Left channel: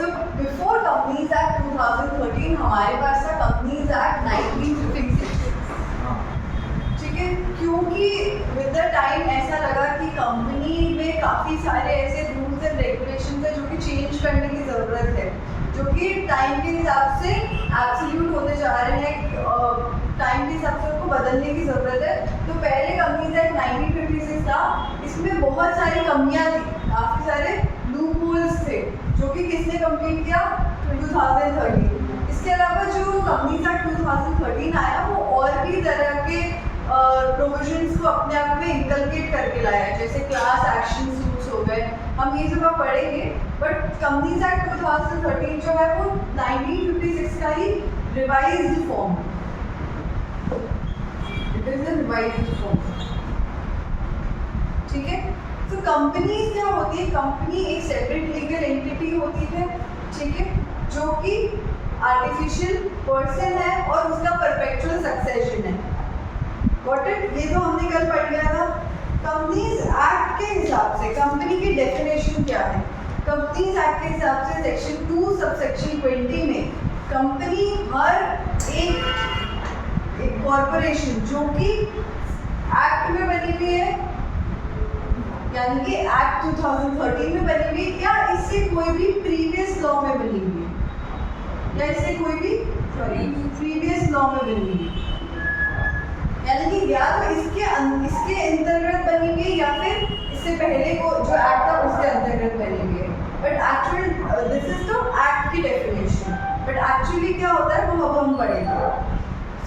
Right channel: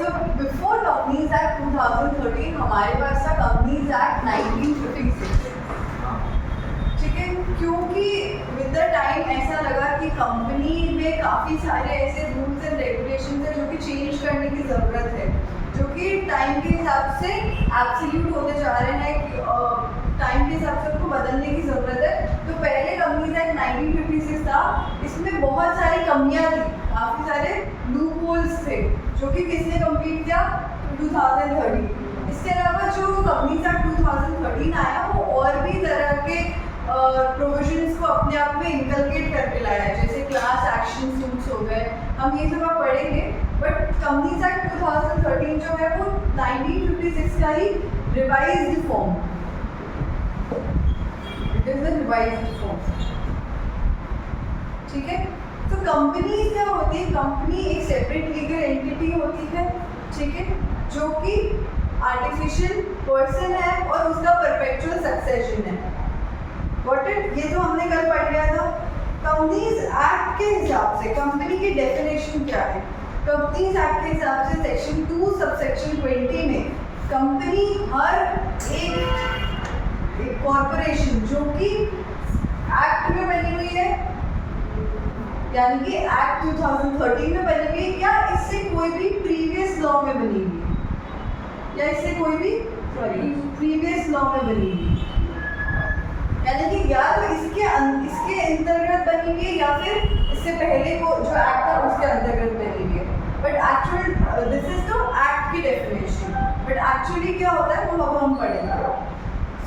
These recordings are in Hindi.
So before Companies Act 2013 हमारे पास था Companies Act 1956, ठीक है, क्योंकि विद द टाइम ऐसा लगा कि कंपनी में काफ़ी सारे ऐसे रूल्स एंड रेगुलेशन है जो कि चेंज करने की ज़रूरत है, जो कि टाइम के हिसाब से एब्सोल्यूट होते जा रहे हैं, टाइम के हिसाब से उनको बदलने की ज़रूरत है। तो पहले कंपनीज एक्ट 1956 था, इसमें बहुत सारी कमियां थी, काफ़ी सारे लूप होल्स थे, जो कि किसने कंप्लीट किया? 2013। इसके अलावा जो कंपनीज एक्ट 2013 आया वो और भी तरह के प्रोविजंस को अपने आप में इंकलकेट करके लाया है, जैसे क्लास एक्शन सूट्स हो गए, हम ये सब पढ़ेंगे। बट कंपनीज एक्ट 2013 जो है वो 1956 का ही revised form, it is the revised form, ठीक है। तो कंपनी क्या होती है? कंपनी एक सेपरेट लीगल एंटिटी होती है, ठीक है, जो कि आर्टिफिशियल पर्सन है और उसका परपेचुअल सक्सेशन है। Got it? ये तो हमने कल पढ़ लिया था। कंपनीज एक्ट के हिसाब से कंपनी की डेफिनेशन क्या है? कंपनीज एक्ट के हिसाब से सेक्शन 2 सबसेक्शन 20 में कंपनी हर एक कॉरपोरेशन जो कि एक्ट में बनी हुई है, यानी कि एक्ट 2013 में बनी हुई है, या इससे कोई भी प्रीवियस लॉ में बनी हुई है, या इससे कोई भी प्रीवियस लॉ में बनी हुई है, यानी कि या तो इसके अंतर्गत बनी हुई है या फिर इससे पहले को जो एक्ट था उसके अंतर्गत बनी हुई है। But actual this is the act की डेफिनेशन, बट एक्चुअली क्या होता है वो अब हम पढ़ेंगे।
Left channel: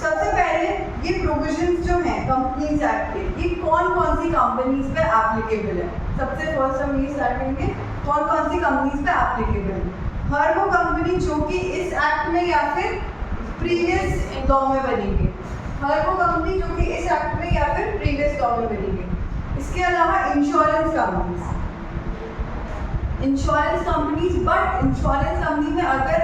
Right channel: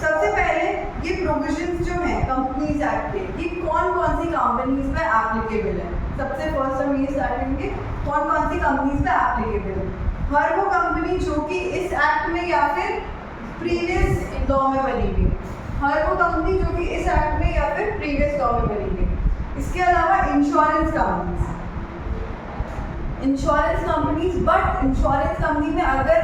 सबसे पहले ये प्रोविजंस जो हैं कंपनीज एक्ट के, ये कौन कौन सी कंपनीज पे एप्लीकेबल है। सबसे फर्स्ट हम ये स्टार्ट करेंगे कौन कौन सी कंपनीज पे एप्लीकेबल है। हर वो कंपनी जो कि इस एक्ट में या फिर प्रीवियस लॉ में बनी हुई है, हर वो कंपनी जो कि इस एक्ट में या फिर प्रीवियस लॉ में बनी गई। इसके अलावा insurance companies, but insurance company में अगर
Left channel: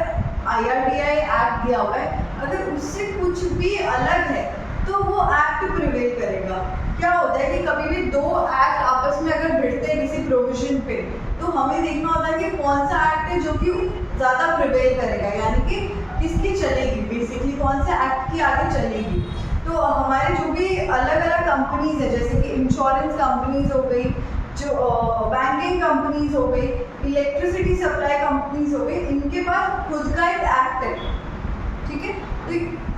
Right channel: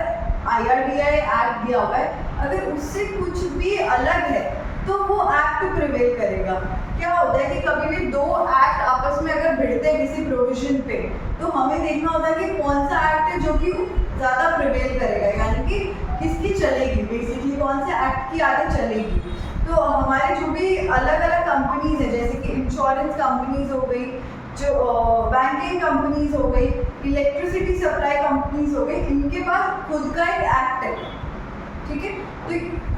IRDAI एक्ट दिया हुआ है, अगर उससे कुछ भी अलग है तो वो एक्ट प्रिवेल करेगा। क्या होता है कि कभी भी दो एक्ट आपस में अगर भिड़ते हैं किसी प्रोविजन पे, तो हमें देखना होता है कि कौन सा एक्ट है जो कि ज़्यादा प्रिवेल करेगा, यानी कि किसकी चलेगी, बेसिकली कौन से एक्ट की आगे चलेगी। तो हमारे जो भी अलग अलग कंपनीज है, जैसे कि इंश्योरेंस कंपनीज हो गई, जो बैंकिंग कंपनीज हो गई, इलेक्ट्रिसिटी सप्लाई कंपनीज हो गई, इनके पास खुद का एक एक्ट है, ठीक है। तो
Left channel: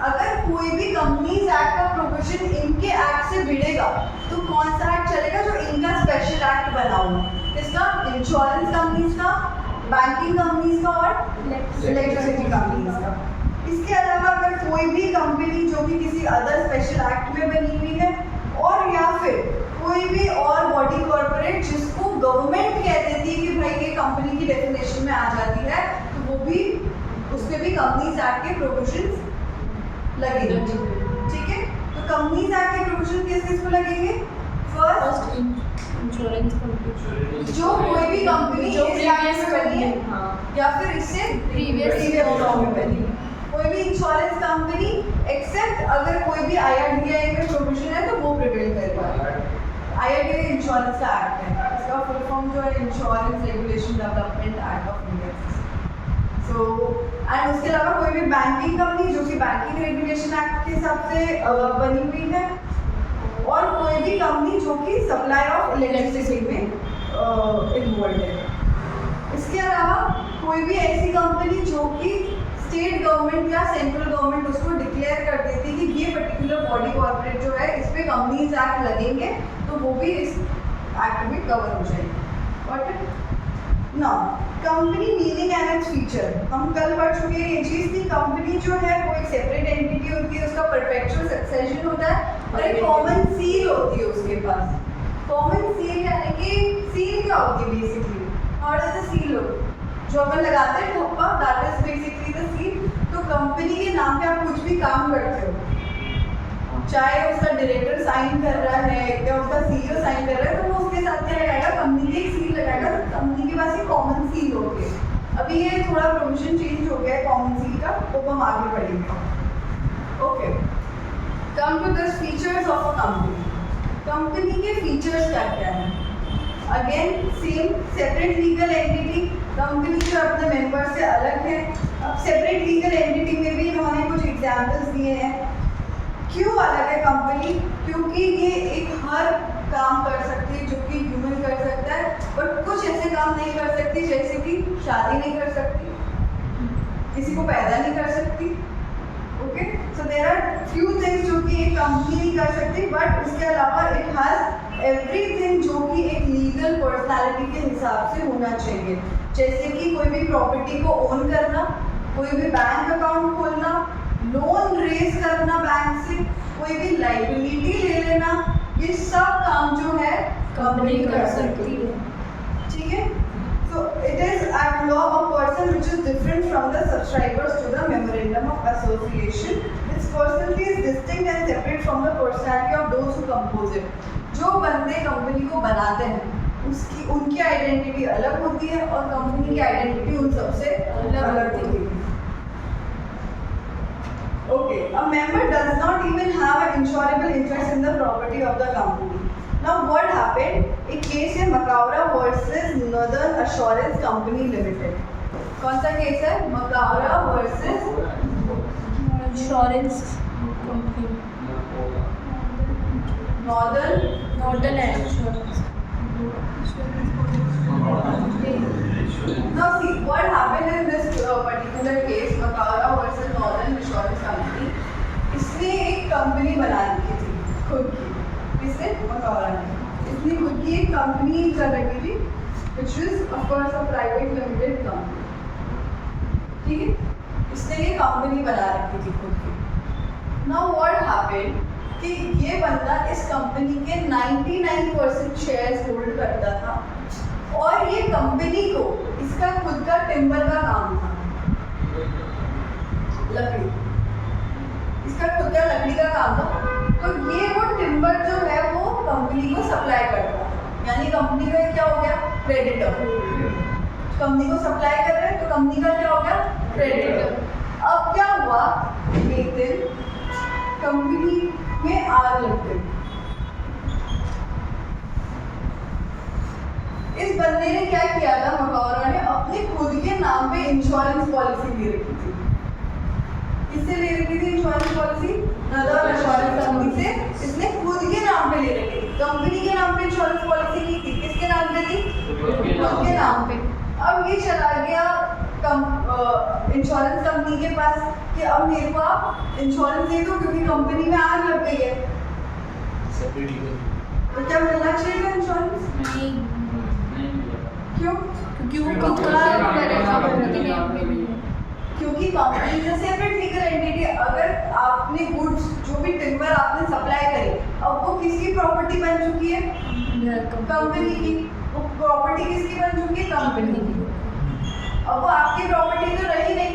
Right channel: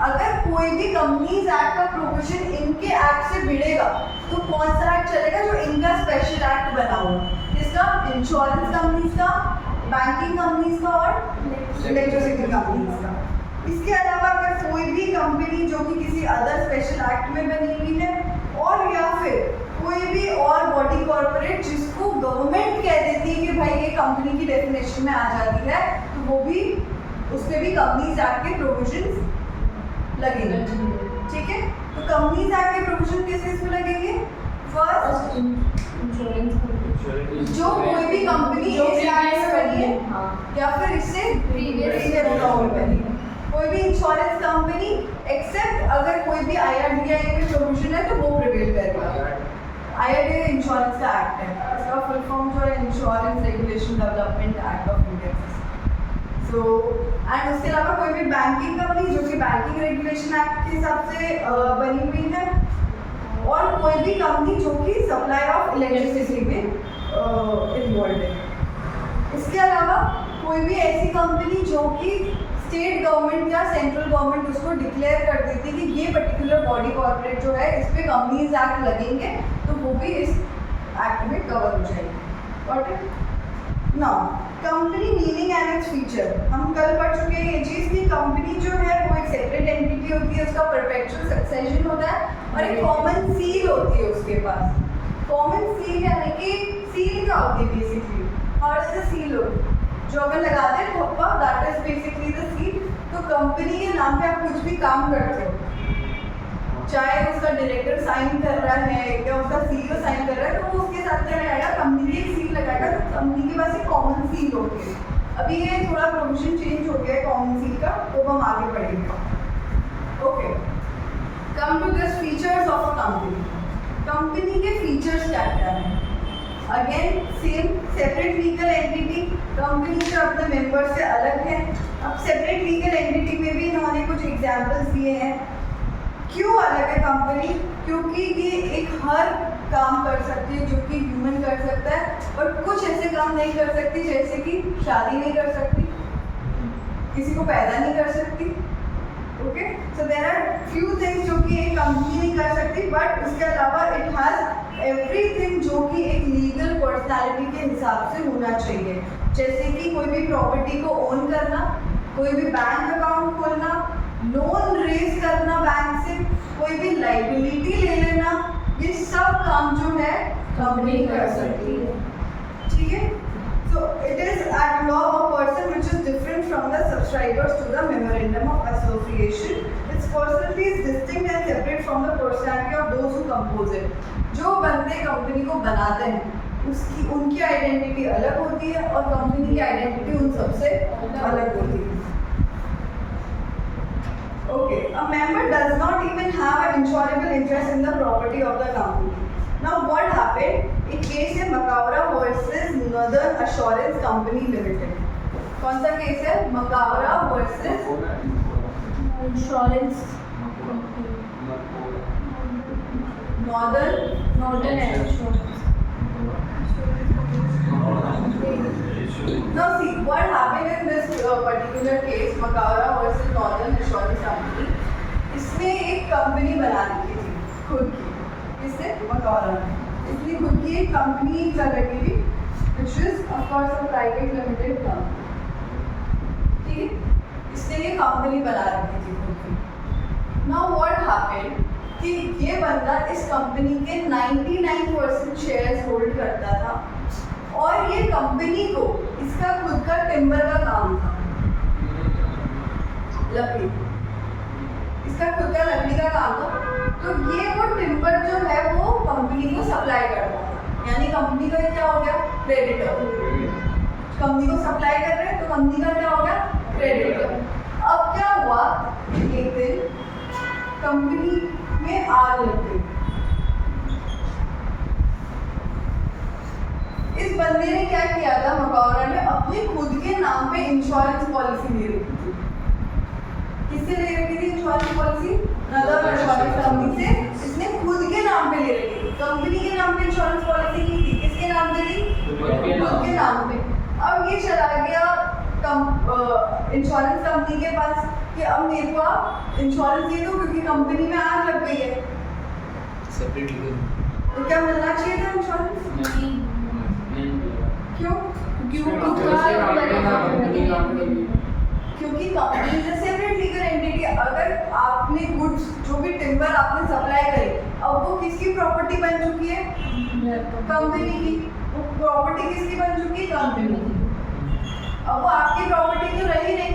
अगर कोई भी कंपनीज एक्ट का प्रोविजन इनके एक्ट से भिड़ेगा तो कौन सा एक्ट चलेगा? जो इनका स्पेशल एक्ट बना हुआ, किसका? इंश्योरेंस कंपनीज का, बैंकिंग कंपनीज का और इलेक्ट्रिसिटी कंपनीज का। इसके अलावा अगर कोई भी कंपनी जो कि किसी अदर स्पेशल एक्ट में बनी हुई है, और या फिर कोई भी और बॉडी कॉर्पोरेट जिसको गवर्नमेंट कह देती है कि भाई ये कंपनी की डेफिनेशन में आ जाती है, तो वो भी उसमें भी कंपनीज एक्ट के प्रोविजंस लगेंगे, ठीक है। तो कंपनीज एक्ट के प्रोविजन किस किस को लगेंगे? फर्स्ट इंश्योरेंस कंपनी, जो कोई भी कंपनी इस एक्ट में बनी है या फिर इससे प्रीवियस लॉ में बनी है, कोई भी इंश्योरेंस कंपनी एक्सेप्ट अगर कोई भी IRDAI में प्रोविजन है तो वो प्रिवेल करेगा। IRDAI इंश्योरेंस का एक्ट है, इसका फुल फॉर्म जो है insurance regulation development act of India. So and उसके अलावा कोई भी बैंकिंग कंपनी जो कि बैंकिंग रेगुलेशन एक्ट के हिसाब से बनी हुई है, और कोई भी कंपनी जो कि सप्लाई ऑफ इलेक्ट्रिसिटी में इन्वॉल्व है। इसके अलावा कोई भी ऐसी कंपनी जो कि स्टेट गवर्नमेंट या सेंट्रल गवर्नमेंट उसको डिक्लेयर कर देती है कि ये पर्टिकुलर बॉडी कॉर्पोरेट जो है इस पे कंपनीज एक्ट लगेंगे, तो वो भी इस एक्ट में कवर हो जाएगी। Got now company meaning and its feature, हम कल पढ़ चुके हैं ये चीज़ कि कंपनी जो है वो एक सेपरेट एंटिटी होती है, उसका परपेचुअल सक्सेशन होता है और एक कॉमन सील होती है उसके पास। कॉमन सील यानी कि सील क्या होती है basically, how does the seal look, जो अपन लगाते हैं ठप्पा, that is basically the seal. तो कंपनी के नाम पे आप कुछ भी काम करते हो, चाहे उसका डायरेक्टर साइन कर रहा है या उसका CEO साइन कर रहा है, तो वो उसके साथ क्या लगाएगा? कंपनी की एक सील लगाएगा। तो कंपनी के पास एक कॉमन सील होती है। अभी ये थोड़ा प्रोविजन चेंज हो गया है कॉमन सील का, वो हम आगे पढ़ेंगे। Okay, come to the features of a company. Company के फीचर्स क्या क्या हैं? Again same, separate legal entity, company जो अपने मेंबर से अलग है। अब सेपरेट लीगल एंटिटी में भी इन्होंने कुछ एग्जांपल्स दिए हैं। क्यों अलग है कंपनी? क्योंकि ये एक हर काम कर सकती है जो कि ह्यूमन कर सकता है, बट कुछ ऐसे काम नहीं कर सकती, जैसे कि शादी नहीं कर सकती, किसी को पैदा नहीं कर सकती। Okay, so there are few things जो कि एक कंपनी नहीं कर सकती, बट उसके अलावा इट हैज एवरीथिंग जो कि एक लीगल पर्सनालिटी के हिसाब से होना चाहिए। जैसे कि कोई भी प्रॉपर्टी को ओन करना, कोई भी बैंक अकाउंट खोलना, लोन रेज करना बैंक से, कोई भी लाइबिलिटी ले लेना, ये सब काम जो है कंपनी कर सकती है। ठीक है, so it is at law a person which is different from the subscribers to the memorandum of association. Its personality is distinct and separate from the personality of those who compose it. जो बंदे कंपनी को बनाते हैं उसकी उनकी आइडेंटिटी अलग होती है और कंपनी की आइडेंटिटी उन सबसे अलग होती है। Okay, a member does not even have an insurable interest in the property of the company. Now what happened? एक केस है Macaura versus northern assurance company limited. कौन सा केस है? Macaura versus insurance northern assurance. Now see what happened in this particular case, Macaura versus northern assurance company. इसने एक कंपनी बना रखी थी खुद की। इससे मकावरा ने इसने खुद की एक कंपनी कर रखी थी, which is of course a private limited company। ठीक है, इसने ये कंपनी बना रखी थी खुद की। Now what happened कि ये बंदा इस कंपनी के 99% शेयर्स होल्ड करता था और ये कंपनी को इसका खुद का टिम्बर का काम था, लकड़ी, इसका खुद का लकड़ी का काम था। तो ये वो टिम्बर जो है वो कंपनी को सप्लाई करता है, यानी कंपनी का क्या हो गया? क्रेडिटर। कंपनी को सप्लाई कर रहे हैं तो कंपनी का क्या हो गया? क्रेडिटर। अब क्या हुआ, एक दिन कंपनी में आग लग गई। इस बंदे ने क्या किया था, मकावरा ने अपने खुद के नाम पे इंश्योरेंस पॉलिसी ले रखी थी। किससे ले रखी थी insurance policy? Northern assurance company से। इसने खुद के नाम पे ले रखी थी, कंपनी के नाम पे इंश्योरेंस पॉलिसी की थी। किसके नाम पे थी? खुद के नाम पे। अब ये चला गया इंश्योरेंस कंपनी के पास कि अब मेरे को आप इंश्योरेंस दे दो क्योंकि कंपनी में आग लग गई है। तो क्या मिलना चाहिए था इंश्योरेंस? क्यों? क्योंकि company is a separate legal entity. अगर आपने गुड्स जो भी टिम्बर आपने सप्लाई करी, अब वो किसकी प्रॉपर्टी बन चुकी है? कंपनी की। वो प्रॉपर्टी किसकी बन चुकी है? कंपनी की। अब वो आपकी प्रॉपर्टी तो रही नहीं।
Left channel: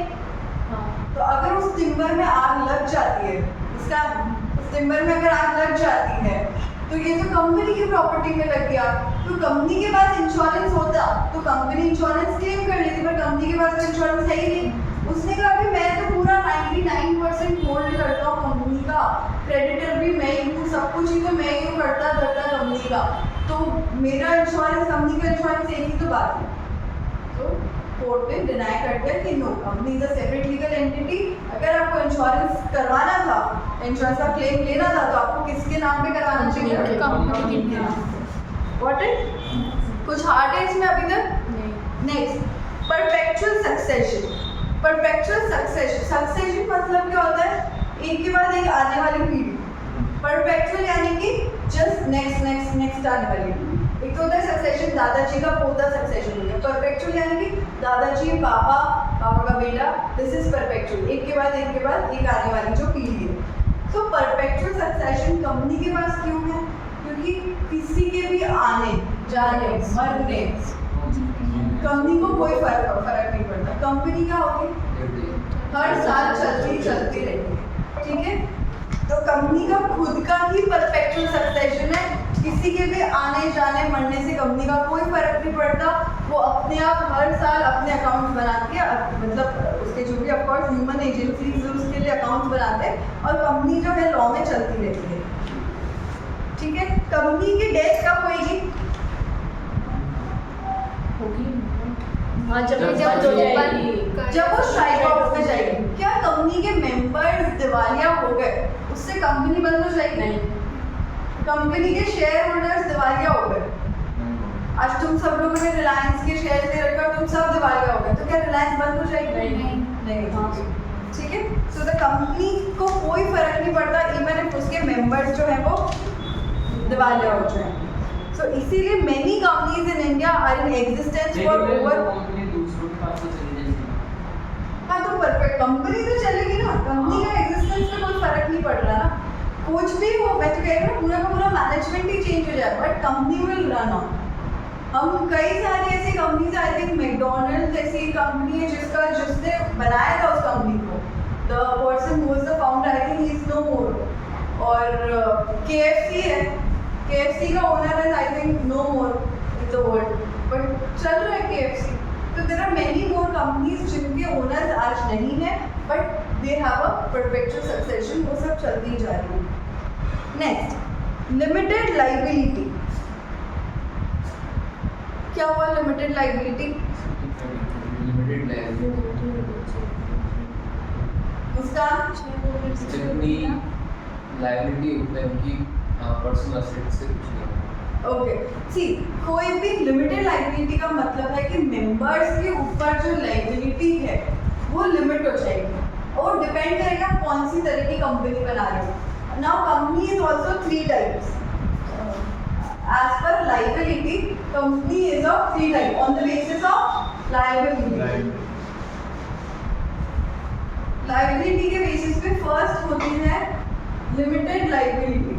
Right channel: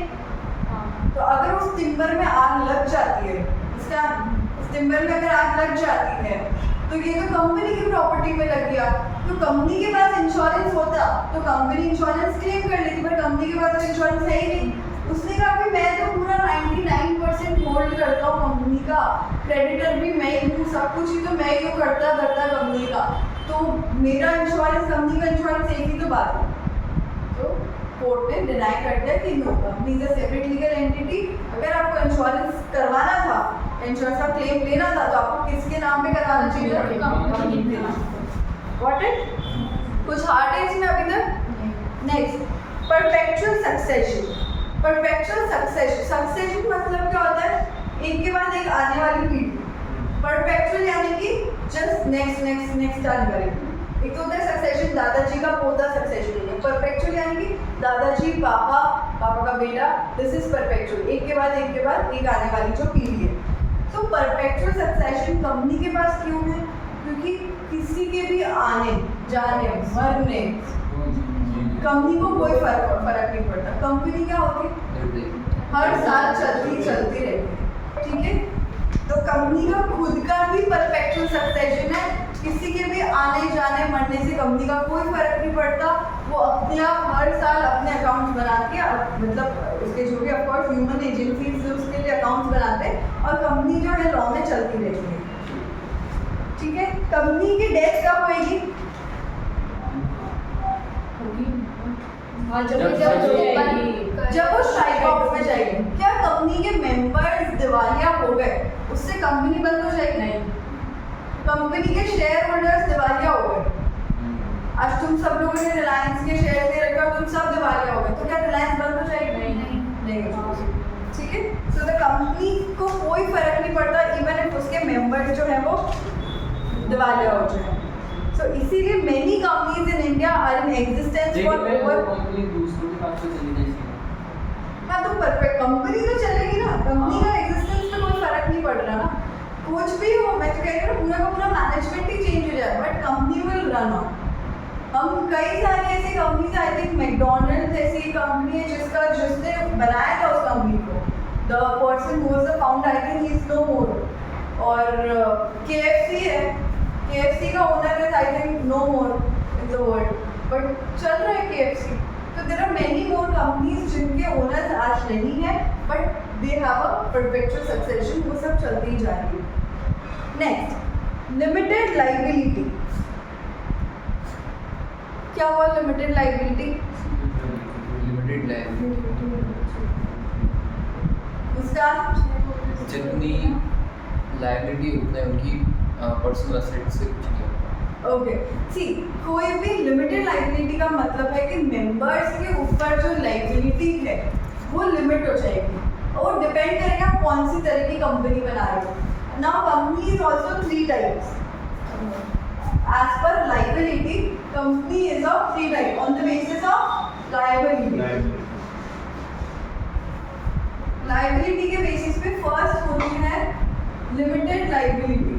तो अगर उस टिम्बर में आग लग जाती है, इसका उस टिम्बर में अगर आग लग जाती है तो ये तो कंपनी की प्रॉपर्टी में लग गया। तो कंपनी के पास इंश्योरेंस होता तो कंपनी इंश्योरेंस क्लेम कर लेती, पर कंपनी के पास तो इंश्योरेंस है ही नहीं। उसने कहा कि मैं तो पूरा 99% होल्ड करता हूँ कंपनी का, क्रेडिटर भी मैं ही हूँ, सब कुछ ही तो मैं ही हूँ करता धरता कंपनी का, तो मेरा इंश्योरेंस कंपनी का इंश्योरेंस एक ही तो बात है। तो कोर्ट ने डिनाई कर दिया कि no, company is a separate legal entity. अगर आपको इंश्योरेंस करवाना था, इंश्योरेंस का क्लेम लेना था, तो आपको किसके नाम पे करवाना चाहिए? कंपनी के नाम पे। Got it? कुछ हार्ड है इसमें अभी तक? Next, perpetual succession. Perpetual succession मतलब क्या होता है? एक के बाद एक आने वाली पीढ़ी। परपेचुअल यानी कि जस्ट नेक्स्ट नेक्स्ट नेक्स्ट आने वाली पीढ़ी। एक तो होता है सक्सेशन, दादाजी का पोता सक्सेशन हो गया। परपेचुअल यानी कि दादाजी पापा, पापा का बेटा, दिस इज परपेचुअल। एक के बाद एक आने वाली जो पीढ़ी है। तो परपेचुअल सक्सेशन कंपनी के पास क्यों है? क्योंकि किसी के भी आने जाने मरने कंपनी को कोई फर्क नहीं पड़ता। कंपनी क्या होगी? हर साल चलती रहती है। ठीक है, तो कंपनी का खुद का ही परपेचुअल सक्सेशन है। किसी के भी आने जाने मरने से कंपनी का कोई फर्क नहीं पड़ता। वो अपने आप हर साल अपने अकाउंट्स बनाती है, मतलब उसके जो भी ऑफकोर्स ह्यूमन एजेंसीज उसके लिए अकाउंट्स बनाते हैं और कंपनी जो है लॉ में चलती रहती है। ठीक है, कंपनी की डेथ कब होगी? हाँ, जब जब जब हो जाएगी। जब वो स्ट्राइक आउट में जाएगी, क्या कंपनी के मेंबर्स दिवालिया हो गए उससे कंपनी बंद हो जाएगी? नहीं। कंपनी के शेयर होल्डर्स दिवालिया हो गए, आज तुम सब लोगों ने रिलायंस के शेयर ले रखे और तुम सब दिवालिया हो गए, तो क्या रिलायंस बंद हो जाएगी? नहीं हो जाएगी। ठीक है, सो द कंपनी को कोई फर्क नहीं पड़ता इवन इफ उसके मेंबर्स जो है वो दिवालिया हो जाए। सो इसीलिए many companies in India are in existence for over. Company दूसरों के पास से चली जाएगी। हाँ, तो परफेक्ट कंपनी तो चलेगी ना, कंपनी का एग्जिस्टेंस में कोई फर्क नहीं पड़ रहा ना, कुछ भी हो। मैं तो कह रही हूँ पूरा का पूरा मैनेजमेंट ही चेंज हो जाए but company will run on. हम कई सारी ऐसी कंपनीज, आई थिंक मैकडोनल्ड जैसी कंपनी है जिसने बनाया था उस कंपनी को, the person who was the founder, I think he is no more. और KFC है, KFC का ओनर है, I think no more in the world, but चल रहा है KFC। तो there are many more companies जिनके ओनर्स आज नहीं है but they have a perpetual succession, वो सब चलती ही जा रही है। Next, limited liability. क्या हुआ लिमिटेड लाइबिलिटी? लिमिटेड लाइबिलिटी उसका जितनी लाइबिलिटी उतना उनकी पर्सनल असेट से कुछ नहीं होता। ओके, सी कोई भी लिमिटेड लाइबिलिटी का मतलब है कि मेंबर्स के ऊपर जो लाइबिलिटी है वो लिमिट हो जाएगी और डिपेंड करेगा कौन सी तरह की कंपनी बना रहे हो। Now company is also 3 types as per liability. Company is of 3 types on the basis of liability. Liability के बेसिस पे फर्स्ट होती है लिमिटेड लाइबिलिटी।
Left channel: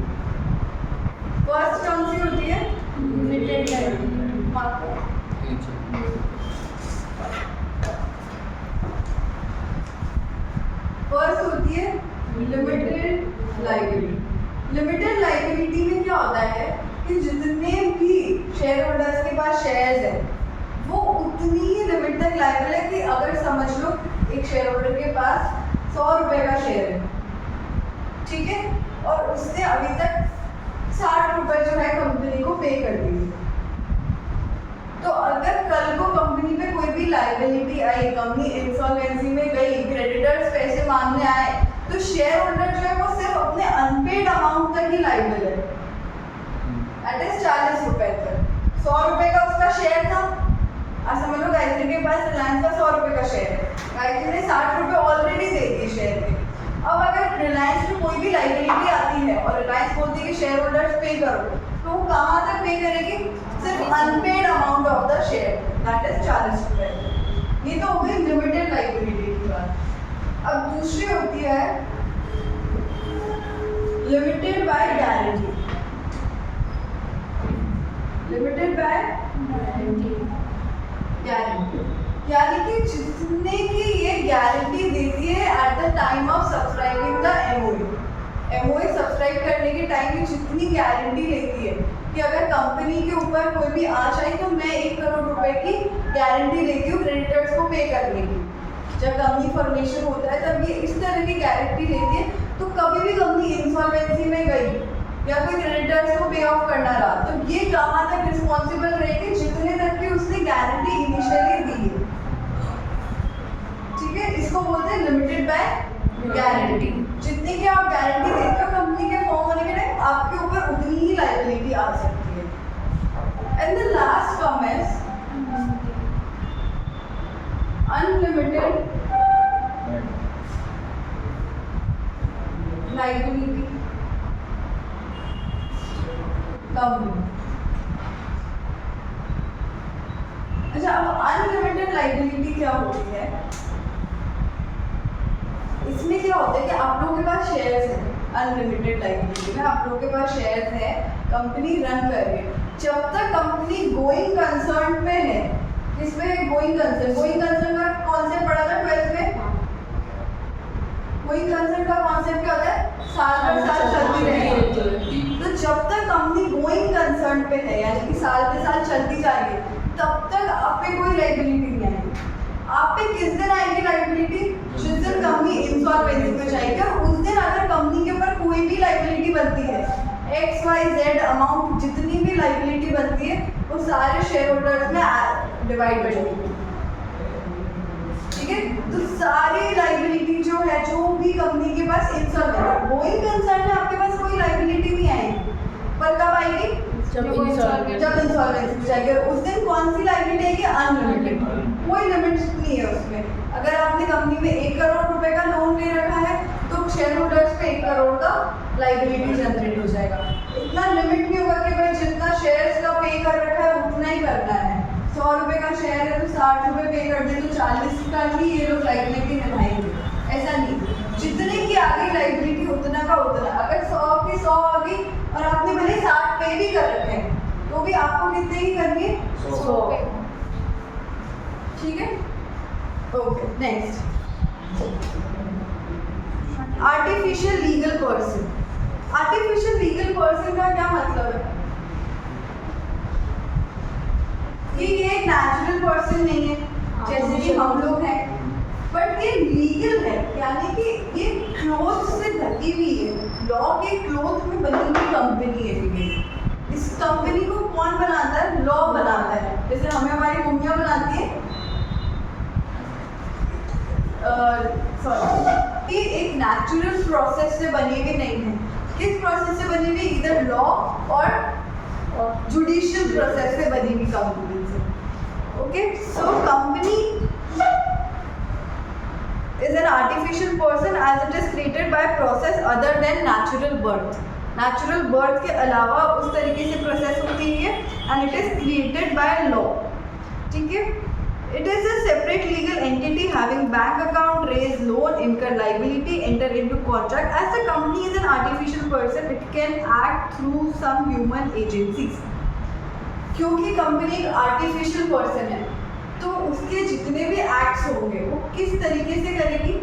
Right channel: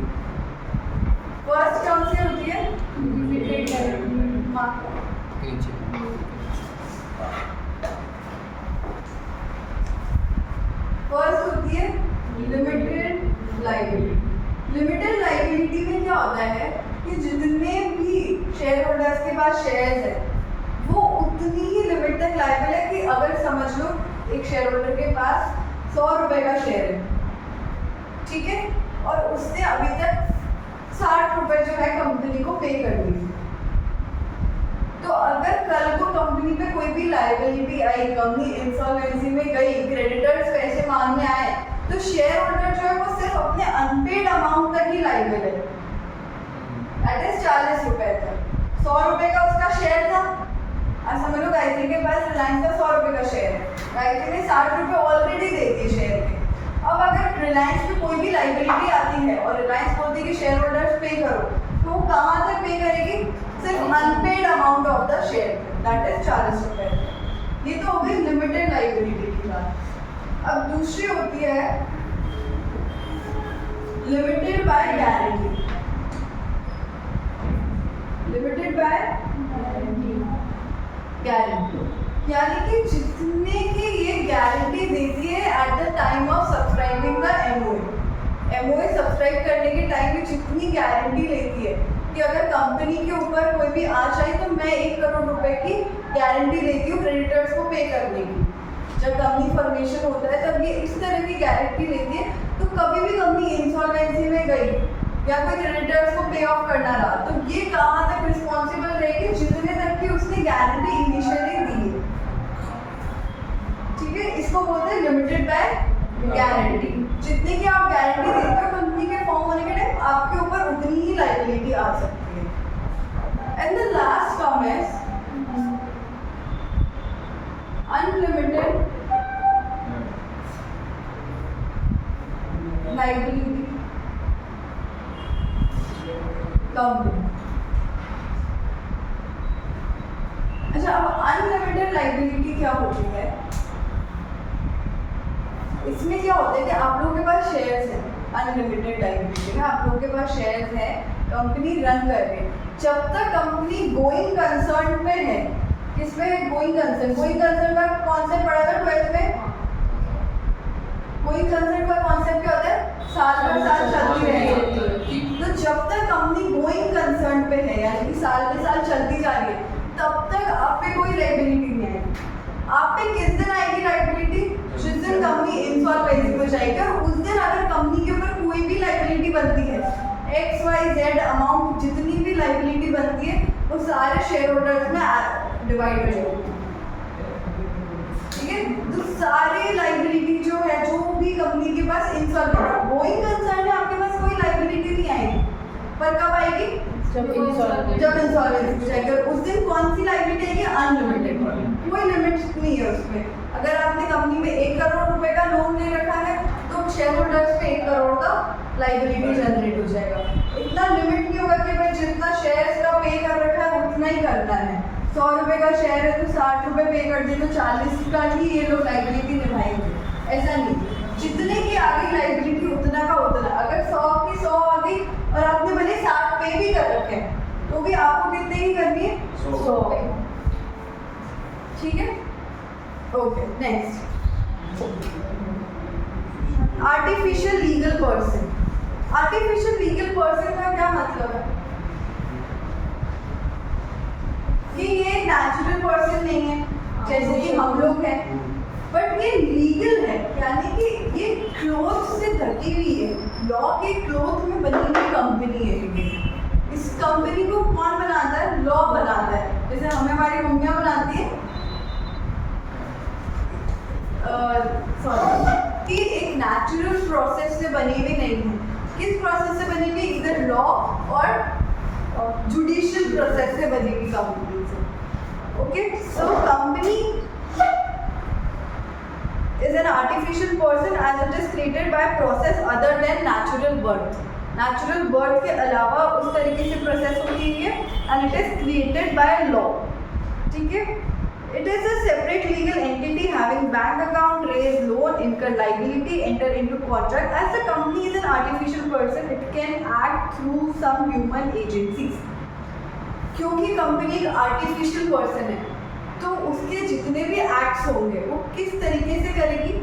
फर्स्ट कौन सी होती है? Limited liability. फर्स्ट होती है लिमिटेड लाइबिलिटी। लिमिटेड लाइबिलिटी में क्या होता है कि जितने भी शेयर होल्डर्स के पास शेयर्स है वो उतनी ही लिमिट तक लायबल है कि अगर समझ लो एक शेयर होल्डर के पास 100 रुपए का शेयर है, ठीक है, और उसने अभी तक 60 रुपए जो है कंपनी को पे कर दिए, तो अगर कल को कंपनी पे कोई भी लायबिलिटी आई, कंपनी इंसॉल्वेंसी में गई, क्रेडिटर्स पैसे मांगने आए, तो शेयर होल्डर जो है वो सिर्फ अपने अनपेड अमाउंट तक ही लायबल है, दैट इज 40 रुपए तक। 100 रुपए का उसका शेयर था, आज समझ लो गायत्री के पास रिलायंस का 100 रुपए का शेयर है, गायत्री ने 60 रुपए ऑलरेडी दे दिए शेयर के। अब अगर रिलायंस में कोई भी लायबिलिटी आती है और रिलायंस बोलती है कि शेयर होल्डर्स पे करो, तो वो कहाँ तक पे करेगी? सिर्फ unpaid amount of the share, that is 40 रुपए। ये तो हो गई लिमिटेड लायबिलिटी की बात। अब दूसरी होती है limited by guarantee. Limited by guarantee यानी कि जितने की ये गारंटी देती है at the time of subscribing the MOA subscribe करने के टाइम में जितनी गारंटी लेती है कि अगर कंपनी के ऊपर कोई भी आँच आई तो मैं 1 करोड़ रुपए की गारंटी लेती हूँ क्रेडिटर्स को पे करने की। जब कंपनी फॉर्मेशन होता है तब ये इस तरह की गारंटी लेती है, तो कभी भी कंपनी इंसॉल्वेंसी में गई या कोई क्रेडिटर्स को पे ऑफ करना रहा तो ये कहाँ तक रिस्पॉन्सिबल रहेगी? जितने तक की उसने गारंटी इनिशियली दी है, ठीक है, इसको बोलते हैं लिमिटेड बाय गारंटी। जितनी की आप गारंटी देते हो कंपनी के फॉर्म होने के टाइम आपके ऊपर उतनी ही लायबिलिटी आ सकती है। And the last form is unlimited liability company. अच्छा, अब अनलिमिटेड लायबिलिटी क्या होती है? इसमें क्या होता है कि आप लोगों के पास शेयर्स हैं, अनलिमिटेड लायबिलिटी में आप लोगों के पास शेयर्स हैं, कंपनी रन कर रही है, जब तक कंपनी गोइंग कंसर्न पे है। किसमें? गोइंग कंसर्न का कॉन्सेप्ट पढ़ा था 12th में। गोइंग कंसर्न का कॉन्सेप्ट क्या होता है? साल पर साल चलती रहेगी। तो जब तक कंपनी गोइंग कंसर्न पे है यानी कि साल पे साल चलती जा रही है, तब तक आप पे कोई लायबिलिटी नहीं आएगी। आप पे किस दिन आएगी लायबिलिटी? जिस दिन कंपनी इंसॉल्वेंसी में जाएगी, और उस दिन अगर कंपनी के ऊपर कोई भी लायबिलिटी बनती है, XYZ अमाउंट जितनी भी लायबिलिटी बनती है वो सारे शेयर होल्डर्स में डिवाइड हो जाएगी। तो सारी लाइबिलिटी जो है, जो भी कंपनी के पास इंसॉल्वेंट, गोइंग कंसर्न में आपके पास कोई लाइबिलिटी नहीं आएगी, पर कब आएगी? जब इंसॉल्वेंसी हो जाएगी। और उस दिन कौन सी लाइबिलिटी आएगी? अनलिमिटेड, कोई लिमिट नहीं है उसमें। अगर आपने कंपनी में 1 करोड़ रुपए का लोन ले रखा है तो शेयर होल्डर्स पे 1 करोड़ का लाइबिलिटी जनरेट हो जाएगा। इतना लिमिट नहीं होगा कि भाई जितना शेयर्स का पे कर रखा है उतना ही करना है। 100 रुपए का शेयर है तो 60 रुपए पे कर दे तो 40 का ही ये लोग लाइबिलिटी निभाएंगे, ऐसा नहीं। जितने की आ गई लाइबिलिटी उतना का उतना। अगर 100 की 100 आ गई और आपने भले 60 पे भी कर रखे हैं तो भी आपको कितने की करनी है? 100। ठीक है, okay. Next, artificial legal person. Artificial legal person का क्या मतलब है? कि ये एक नेचुरल पर्सन नहीं है जैसे कि हम लोग हैं, बट ये लीगल है, यानी कि ये क्लोथ से ढकी हुई है, लॉ के क्लोथ में बनी हुई कंपनी है ये। इस कंपनी को कौन बनाता है? लॉ बनाता है। जैसे हमें हमारी मम्मियाँ बनाती है, कि एक नेचुरल प्रोसेस से बनी हुई नहीं है। किस प्रोसेस से बनी हुई? इधर लॉ और जुडिशियल प्रोसेस से बनी हुई कंपनी से। Okay, so company is an artificial person as it is created by process other than natural birth. Natural birth के अलावा उस तरीके से प्रोसेस होती है and it is created by law. ठीक है? It is a separate legal entity having bank account, raise loan, incur liability, enter into contract. As the company is an artificial person, it can act through some human agencies. क्योंकि कंपनी एक आर्टिफिशियल पर्सन है तो उसके जितने भी एक्ट्स होंगे वो किस तरीके से करेगी?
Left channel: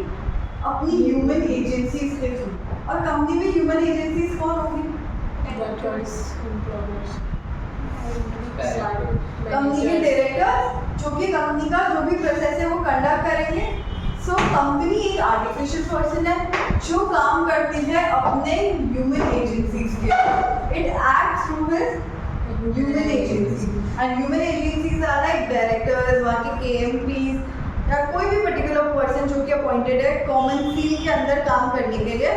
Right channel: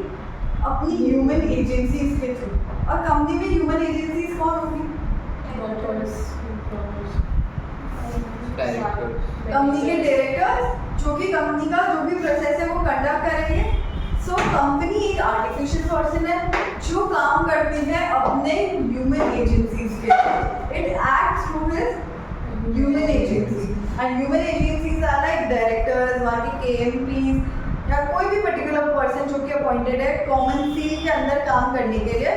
अपनी ह्यूमन एजेंसीज के थ्रू। और कंपनी में ह्यूमन एजेंसीज कौन होंगी? कंपनी के डायरेक्टर्स, जो कि कंपनी का जो भी प्रोसेस है वो कंडक्ट करेंगे। सो कंपनी एक आर्टिफिशियल पर्सन है जो काम करती है अपने ह्यूमन एजेंसीज के। It act through his human agency and human agencies are like directors, वहाँ के KMPs या कोई भी पर्टिकुलर पर्सन जो कि अपॉइंटेड है कॉमन सील के अंदर काम करने के लिए।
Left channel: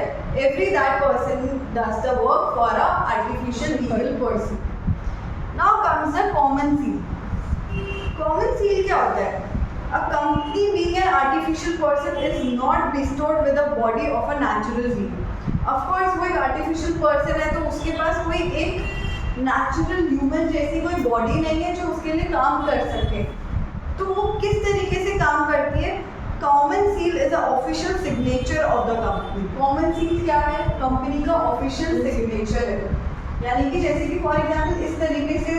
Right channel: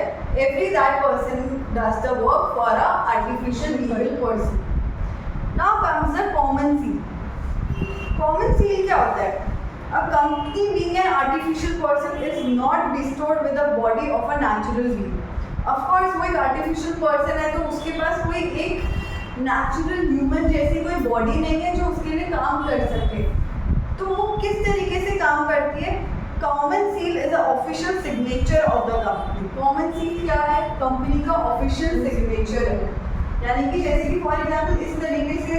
Every that person does the work for a artificial legal person. Now comes the common seal. Common seal क्या होता है? A company being an artificial person is not bestowed with the body of a natural being. Of course, वो एक artificial person है तो उसके पास कोई एक नेचुरल ह्यूमन जैसी कोई बॉडी नहीं है जो उसके लिए काम कर सके। तो वो किस तरीके से काम करती है? Common seal is a official signature of the company. Common seal क्या है? कंपनी का ऑफिशियल सिग्नेचर है। यानी कि जैसे कि फॉर एग्जाम्पल इस तरीके से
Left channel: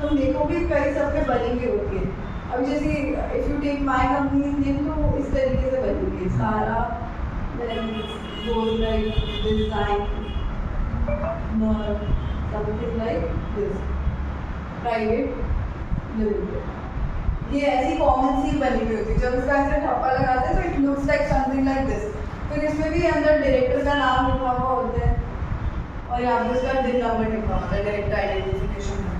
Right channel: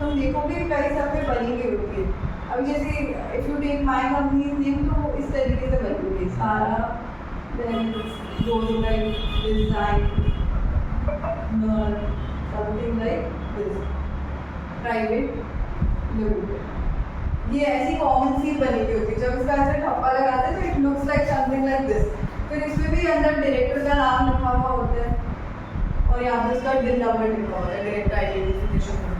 तुम देखोगे कई सब पे बनी हुई होती है। अभी जैसे if you take my company name तो इस तरीके से बनी हुई है सारा, goes like design something like this, private limited. ये ऐसी कॉमन सील बनी हुई होती है। जब इसका ऐसे ठप्पा लगाते हैं तो it looks like something like this. फिर इसमें भी अंदर डायरेक्टर का नाम लिखा हुआ होता है और यहाँ पे उसका बिल नंबर लिखा होता है, director identification number.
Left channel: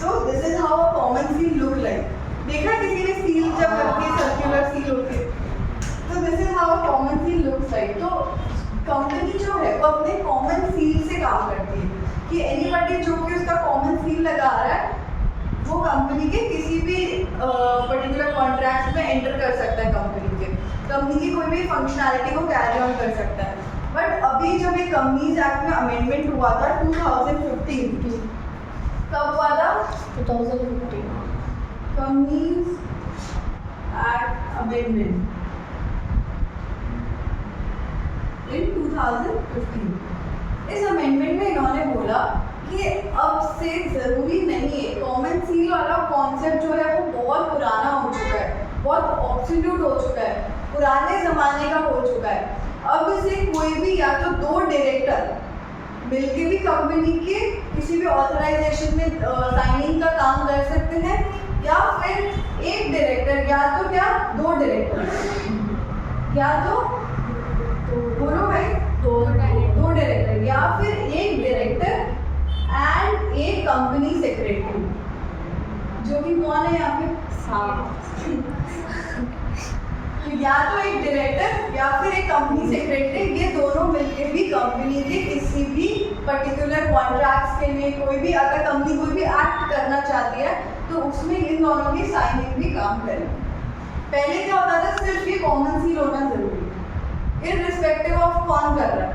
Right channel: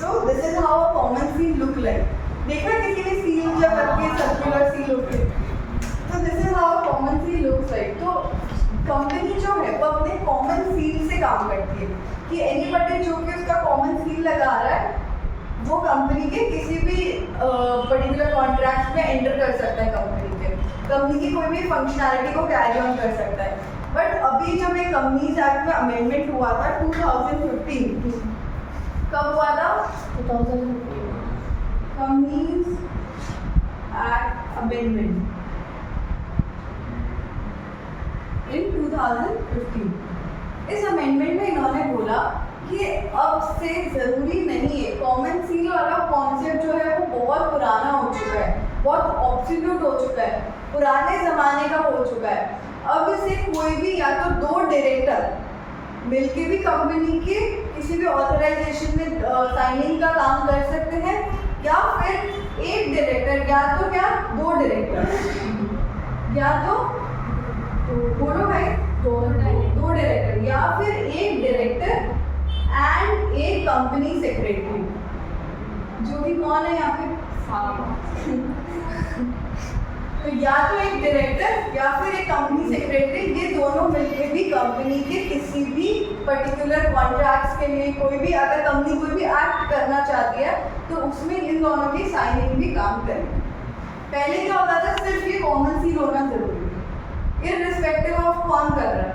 So this is how a common seal look like. देखा किसी ने सील जब रखी है सर्कुलर सील होती है, तो this is how a common seal looks like. तो कंपनी जो है वो अपने कॉमन सील से काम करती है कि एनीबॉडी जो कि उसका कॉमन सील लगा रहा है वो कंपनी के किसी भी पर्टिकुलर कॉन्ट्रैक्ट में एंटर कर सकता है। कंपनी की कोई भी फंक्शनैलिटी को कैरी ऑन कर सकता है। बट अभी जब एक कंपनीज एक्ट में अमेंडमेंट हुआ था 2015, कब हुआ था? 2015 कंपनीज एक्ट अमेंडमेंट इन 2015। इस अमेंडमेंट में इन्होंने बोला कि अब से ज़रूरी नहीं है, कॉमन सील वाला कॉन्सेप्ट जो है वो बहुत पुराना हो चुका है, बहुत ऑब्सोल्यूट हो चुका है, पुराने ज़माने का हो चुका है। अब इसे कोई भी या तो 2 डायरेक्टर मिलके भी कंपनी के किसी भी ऑथराइजेशन में साइनिंग का काम कर सकते हैं, या फिर एक डायरेक्टर, या तो क्या 2 डायरेक्टर, या तो बोलो भाई 2 डायरेक्टर, या फिर एक डायरेक्टर एंड एक कंपनी सेक्रेटरी, जो कि कौन है यहाँ पे? तो या तो एक डायरेक्टर या फिर एक कंपनी सेक्रेटरी, ये दोनों मिलके भी कंपनी के किसी भी पर्टिकुलर कॉन्ट्रैक्ट्स के लिए कोई भी अगर कंपनी कोई भी एक्ट करना चाहती है तो उसमें इन दोनों की साइनिंग भी काम करेगी। पहले क्या होता था, सिर्फ ये कॉमन सील होना जरूरी है इररिस्पेक्टिव ऑफ कौन कर रहा है,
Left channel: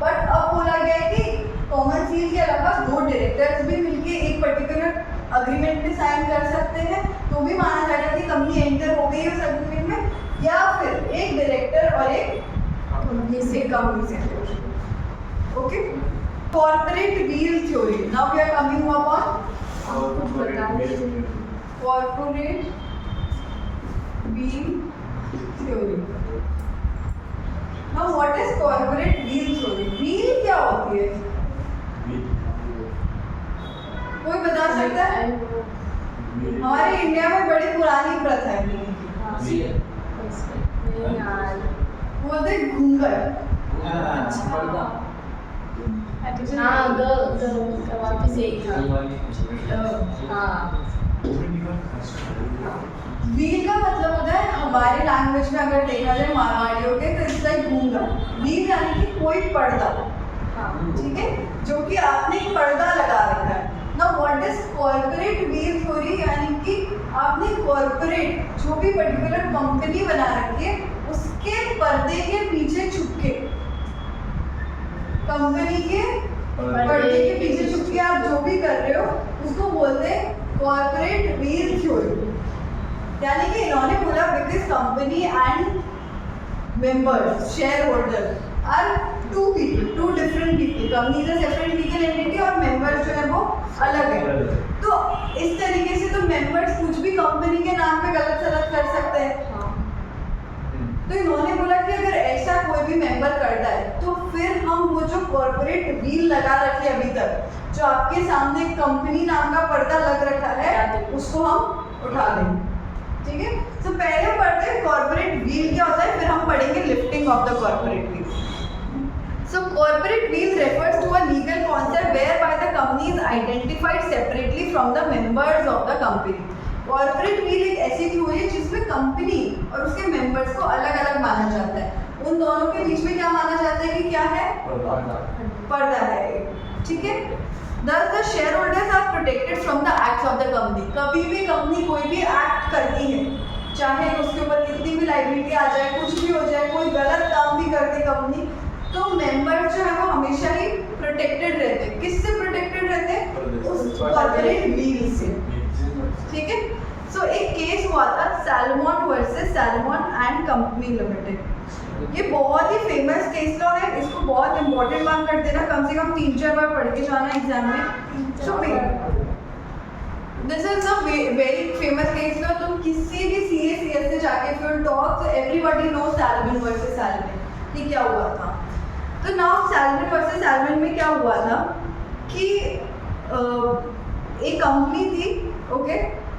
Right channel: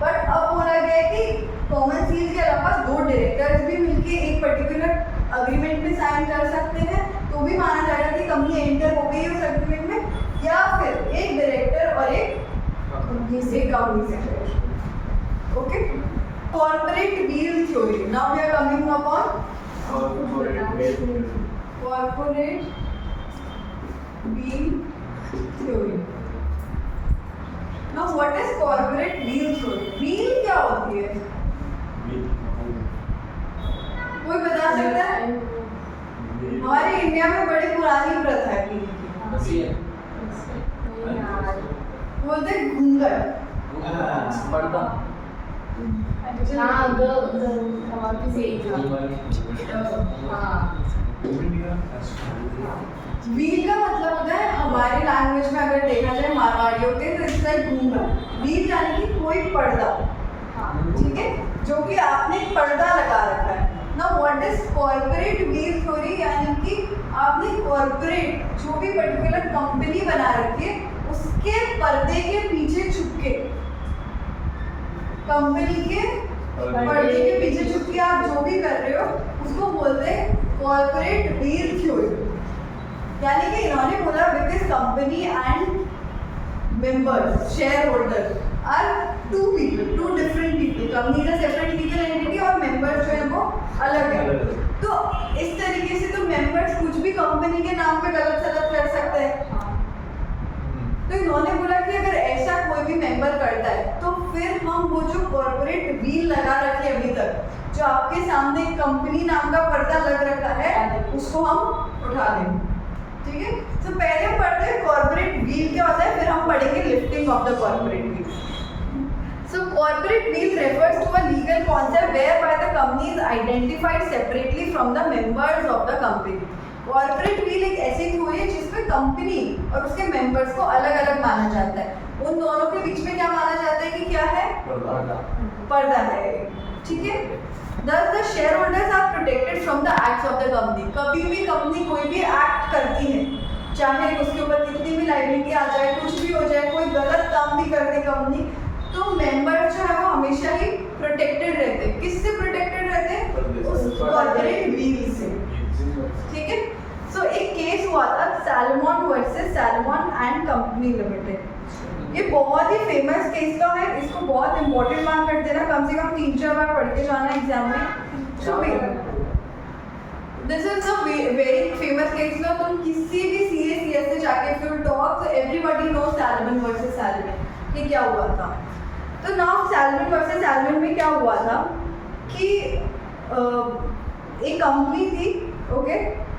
बट अब बोला गया है कि कॉमन सील के अलावा दो डायरेक्टर्स भी मिलके एक पर्टिकुलर अग्रीमेंट में साइन कर सकते हैं तो भी माना जाएगा कि कंपनी एंटर हो गई उस अग्रीमेंट में, या फिर एक डायरेक्टर और एक company secretary. Okay, corporate veil theory, now we are coming upon corporate veil theory. Now what is corporate veil theory? Veil क्या होती है, कोई बता सकता है? हमारे इंडिया में बड़ी पुरानी प्रथा है व्हील की, बोलते हैं घूंघट। पर्दा हाँ वापस यही था। हाँ व्हील का मतलब होता है हमारी लैंग्वेज में अगर देखा जाए मारवाड़ियों के तो इसका घूंघट, व्हील यानी कि कोई पर्दा, ठीक है, जो कि आपने एक पर्दा लगा रखा है। Now what is corporate veil theory, यानी कि आपने कॉर्पोरेट जो भी पर्टिकुलर कंपनी बना रखी है उसके पर्दे के पीछे छुप के, कंपनी के पर्दे के पीछे छुप के आप जो भी कर रहे हो उसको बोलते हैं कॉर्पोरेट व्हील थ्योरी। यानी कि इन्होंने बोला because company and members share holder are two people, two different people, company is a separate legal entity और मेंबर्स जो है वो अलग है। तो इस तरीके से तो मेंबर्स कुछ भी कंपनी के नाम पे गलत सलत कर सकते हैं। तो इन्होंने बोला कि अगर ऐसा कोई भी मेंबर करता है तो फिर हम वो जो कॉर्पोरेट व्हील लगा रखी है अभी तक, जो आपके सामने कंपनी नाम का पर्दा लग रखा है, उसको हम उठा देंगे। ठीक है, तो पहले हम पढ़ते हैं कॉर्पोरेट व्हील क्या होता है, फिर हम पढ़ेंगे lifting of the corporate wheel. So corporate wheel refers to a legal concept whereby the company is identified separately from the members of the company. Corporate wheel एक ऐसी थ्योरी है जिसमें कंपनी और उसके मेंबर्स को अलग अलग माना जाता है। उन दोनों के बीच में क्या माना जाता है कि क्या है, पर्दा है, ठीक है। Thus the shareholders are protected from the acts of the company. कभी भी कंपनी कोई भी एक्ट करती है, चाहे उसके ऊपर कितनी भी लाइबिलिटी आ जाए, कुछ भी हो जाए, कोई गलत काम भी कर दे कंपनी, तो मेंबर जो है वो हमेशा ही प्रोटेक्टेड रहते हैं। किससे प्रोटेक्टेड रहते हैं? उस कॉर्पोरेट व्हील से, ठीक है। सो एक केस हुआ था salmon versus salmon and company limited. ये बहुत ही फेमस केस लॉ है, इसको बहुत इंपॉर्टेंट मान कर देना, कम से कम 3-4 बार पढ़ के जाना एग्जाम में। This is a very famous case law. तुम किसी भी सीएस से जाके if you talk so everybody knows Salomon versus Salomon कि क्या हुआ था। तो नाउ सैलमन वर्सेस सैलमन में क्या हुआ था कि एक कंपनी थी, okay,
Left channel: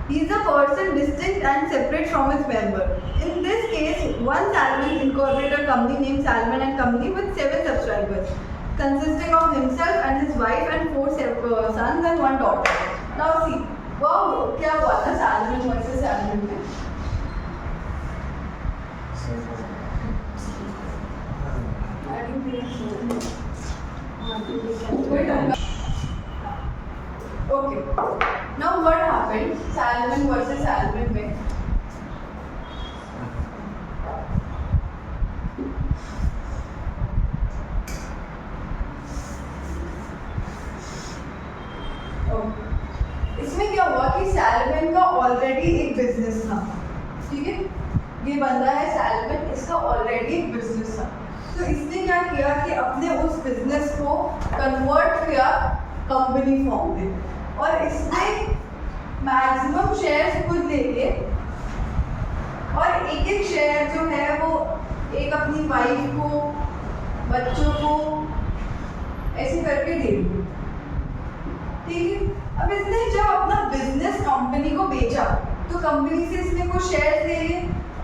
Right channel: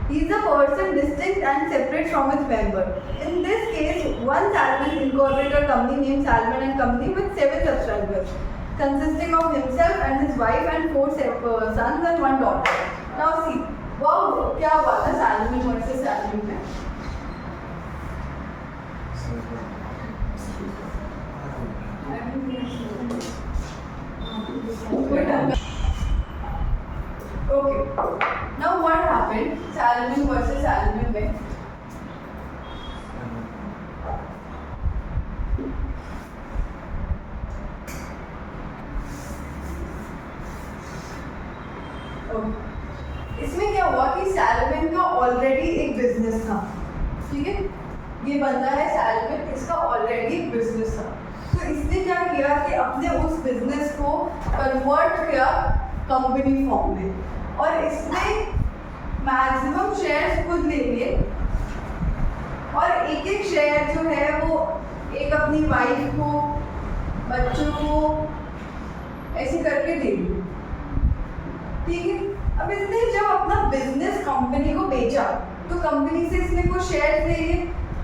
he is a person distinct and separate from his member. In this case, one Salmon incorporated a company named Salmon and Company with 7 subscribers, consisting of himself and his wife and 4 sons and 1 daughter. Now see, wow, क्या हुआ था Salmon versus Salmon में? Okay. Now what happened? Salmon versus Salmon में इसमें क्या हुआ कि सैलमन का ऑलरेडी एक बिजनेस था, ठीक है, ये बंदा है सैलमन, इसका ऑलरेडी एक बिजनेस था। तो इसने क्या किया कि अपने उस बिजनेस को कन्वर्ट किया कंपनी फॉर्म में और इसने मैक्सिमम शेयर्स खुद ले लिए और एक एक शेयर जो है वो एक अपनी वाइफ को, बच्चों को ऐसे करके दे दिए, ठीक है। अब इसने जब अपना बिजनेस कंपनी को बेचा तो कंपनी से इसने कुछ शेयर्स ले लिए,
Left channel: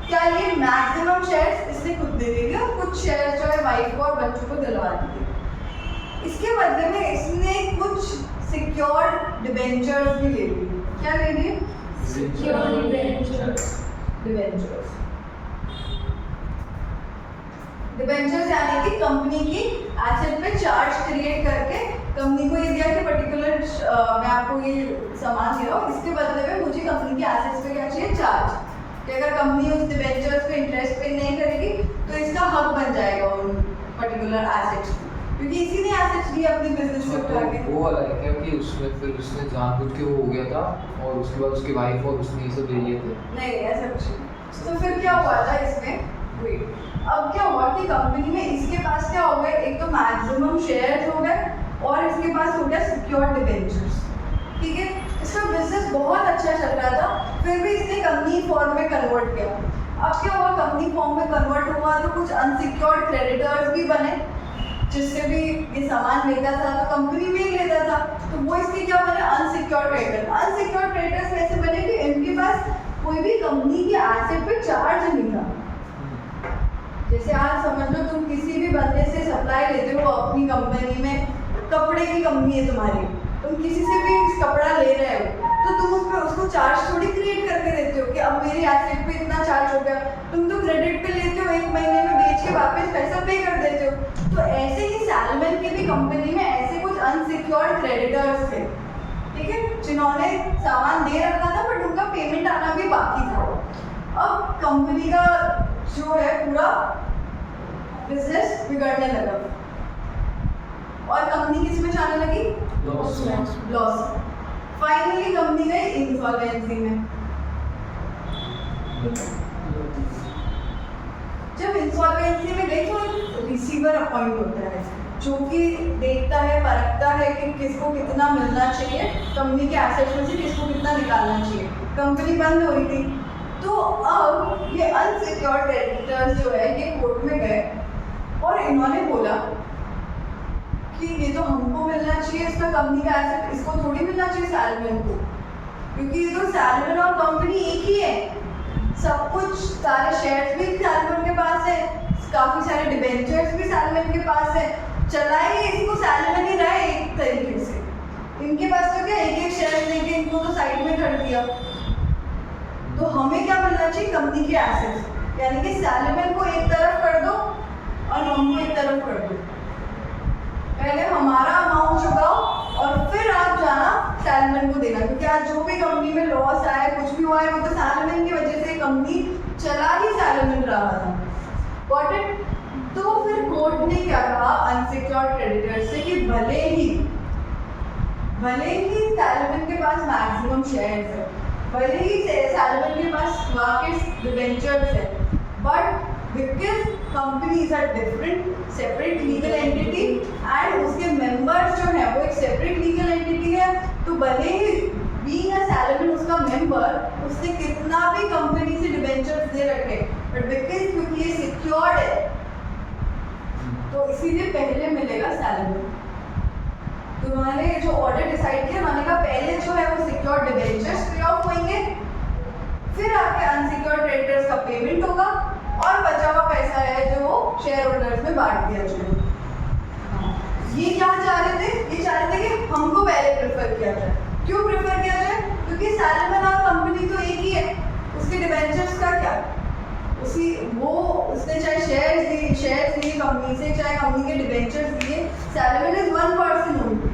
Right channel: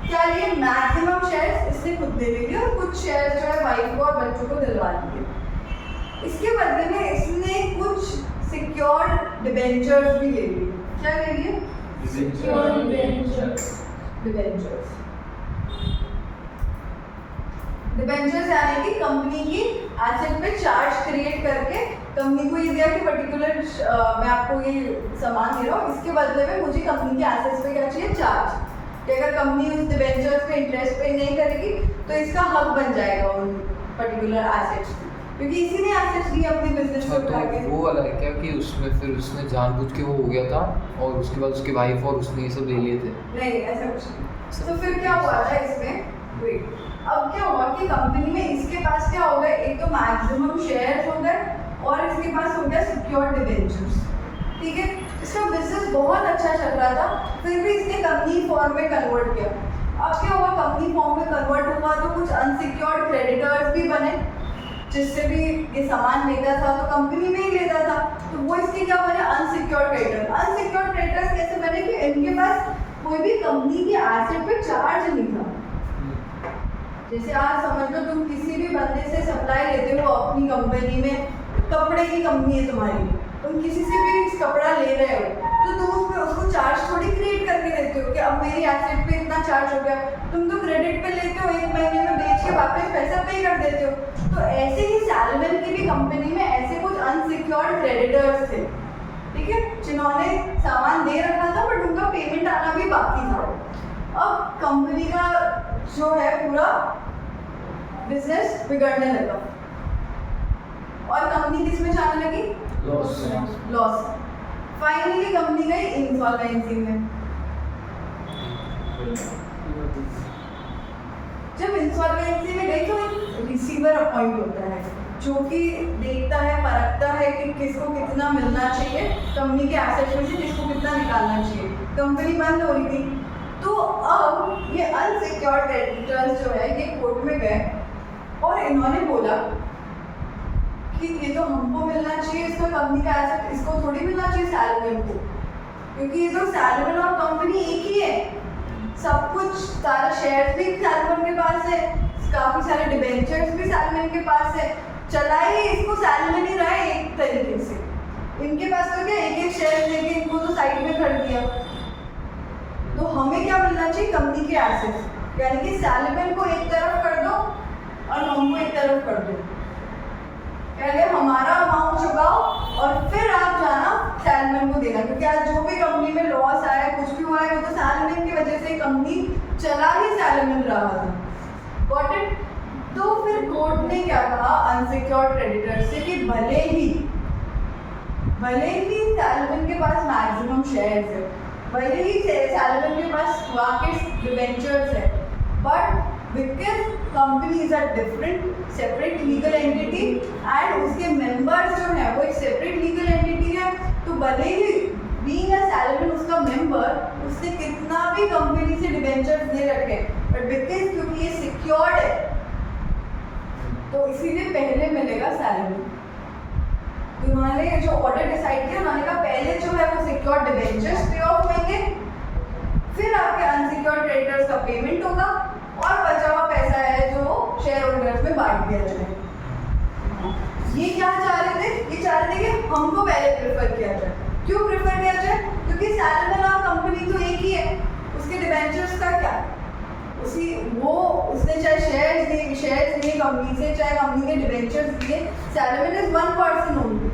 क्या लिए, मैक्सिमम शेयर्स इसने खुद दे दिए और कुछ शेयर्स जो है वाइफ को और बच्चों को दिलवा दिए। इसके बदले में इसने कुछ सिक्योर्ड डिबेंचर्स भी ले लिए। क्या ले लिए? Secured debentures. डिबेंचर्स यानी कि कंपनी की एसेट पे चार्ज क्रिएट करके कंपनी को ये दिया कि पर्टिकुलर मैं आपको ये सामान दे रहा हूँ, इसके बदले में मुझे कंपनी के एसेट्स पे क्या चाहिए, चार्ज। कि अगर कंपनी उस डिबेंचर्स पे इंटरेस्ट पे नहीं करेगी तो इसका हक बन जाएगा उन पर्टिकुलर एसेट्स, क्योंकि इसी ने एसेट्स दी अपनी बिजनेस को उठा के। वो वाला है क्या कि उसमें फिर उसने जानबूझ के वो हो गया था और उसके बाद उसकी वाइफ और उसने ये सब ले लिए थे? नहीं, ऐसा कुछ नहीं। तो फिर क्या हुआ था इसमें, वेट, अब क्या हुआ कि कंपनी में इसके पास क्या हो गए, एक तो मैक्सिमम शेयर्स हो गए और इसके पास हो गया सिक्योर्ड डिबेंचर्स। ठीक है, इसका बिजनेस बहुत अच्छा चल रहा था, फिर भी इसने कंपनी फॉर्म में कन्वर्ट किया। अब क्या हुआ, कंपनी फॉर्म में कन्वर्ट हुआ तो कुछ अनसिक्योर्ड क्रेडिटर्स भी बने, जिससे भी ये सामान लेता था तो कंपनी में ही लेता था, तो वो इसके क्या बने, अनसिक्योर्ड क्रेडिटर। अनसिक्योर्ड क्रेडिटर्स कैसे बने कि इनके पास कोई भी कंपनी के एसेट पे चार्ज नहीं था। जैसे आज समझ लो तुम किसी भी बंदे से सप्लाई लेते हो अपनी कंपनी में, कपड़े की कंपनी है तुम्हारी, तुम किसी से भी कपड़ा ले रहे हो तो तुम उस पर उसको चार्ज थोड़ी क्रिएट करके देते हो कि अब मेरी एसेट पे इतना चार्ज हो गया, तुम तो क्रेडिट पे लेते हो, 1 महीने में बेच के वापस पैसा पे कर देते हो। तो ऐसे ही सैलमन की भी कंपनी में ऐसे कुछ अनसिक्योर्ड क्रेडिटर्स थे, ठीक है, जिन्होंने सामान दे रखा था बट उनका पेमेंट आना भी बाकी था। अब कंपनी का जो है पूरा बिजनेस बिगड़ने लगा और कंपनी किस में जाने लगी, लॉस। फाइनली कंपनी गई इंसॉल्वेंसी में। जब इंसॉल्वेंसी में गई तो एक रिसीवर अपॉइंट होता है जो कि देखता है, परखता है कि किसको कितना मिलना चाहिए, कंपनी के एसेट्स में से किसको कितना निकालना चाहिए। कंपनी बंद हो रही थी, तो अब ये अनसिक्योर्ड क्रेडिटर्स जो है ये कोर्ट में गए और इन्होंने बोला कि ये तो हमको मिलना चाहिए, इसका कंपनी का एसेट इसको थोड़ी मिलना चाहिए सैलमन को, क्योंकि ये तो सैलमन और कंपनी एक ही है, सब कुछ सारे शेयर्स भी सैलमन के पास है, काफ़ी सारे डिबेंचर्स भी सैलमन के पास है, चलाइए इसको, सैलमन ही रहा है एक तरीके से। इनके पास तो क्या एक शेयर लेके इनको तो साइड में कर दिया, तो हमें क्या मिलना चाहिए, कंपनी के एसेट्स, यानी कि सैलमन को एक तरफ कर दो और हमको एक तरफ कर दो। पहले हमारा अमाउंट चुकाओ और फिर आप जाना सैलमन को देना, क्योंकि आज जो भी कंपनी में लॉस आया, कुछ भी हुआ है, वो तो सैलमन की वजह से कंपनी चला ही सैलमन रहा था। Got it? तो फिर कोर्ट ने क्या कहा अनसिक्योर्ड क्रेडिटर्स से कि भले ही सैलमन के पास मैक्सिमम शेयर्स है, भले ही सैलमन के पास वाकिस डिबेंचर्स है, but because company is a different separate legal entity and उसके मेंबर्स जो हैं वो एक सेपरेट लीगल एंटिटी है, तो भले ही बीइंग अ सैलमन उसका मेंबर, उसने कितना भी कंपनी से डिबेंचर्स दे रखे, बट बिकॉज क्योंकि ये सिक्योर्ड है तो इसीलिए पहले मिलेगा सैलमन। तो उन्होंने जो ऑर्डर डिसाइड किया, उन्होंने कहा पहले जो है वो सिक्योर्ड डिबेंचर्स पे ऑफ होंगे, फिर आपके अनसिक्योर्ड क्रेडिटर्स का पेमेंट होगा और बचा हुआ पैसा है जो शेयर होल्डर्स में बांट दिया जाए। ये क्या चाह रहे थे, ये चाह रहे थे कि हमको पहले प्रेफर किया जाए। क्यों प्रेफर किया जाए? क्योंकि सैलमन और कंपनी तो एक ही है, उसके डिबेंचर्स का क्या, उसने चाहे शेयर्स दिए कंपनी से, चाहे कंपनी के डिबेंचर्स दिए, सैलमन इज 1 पर्सन ओनली।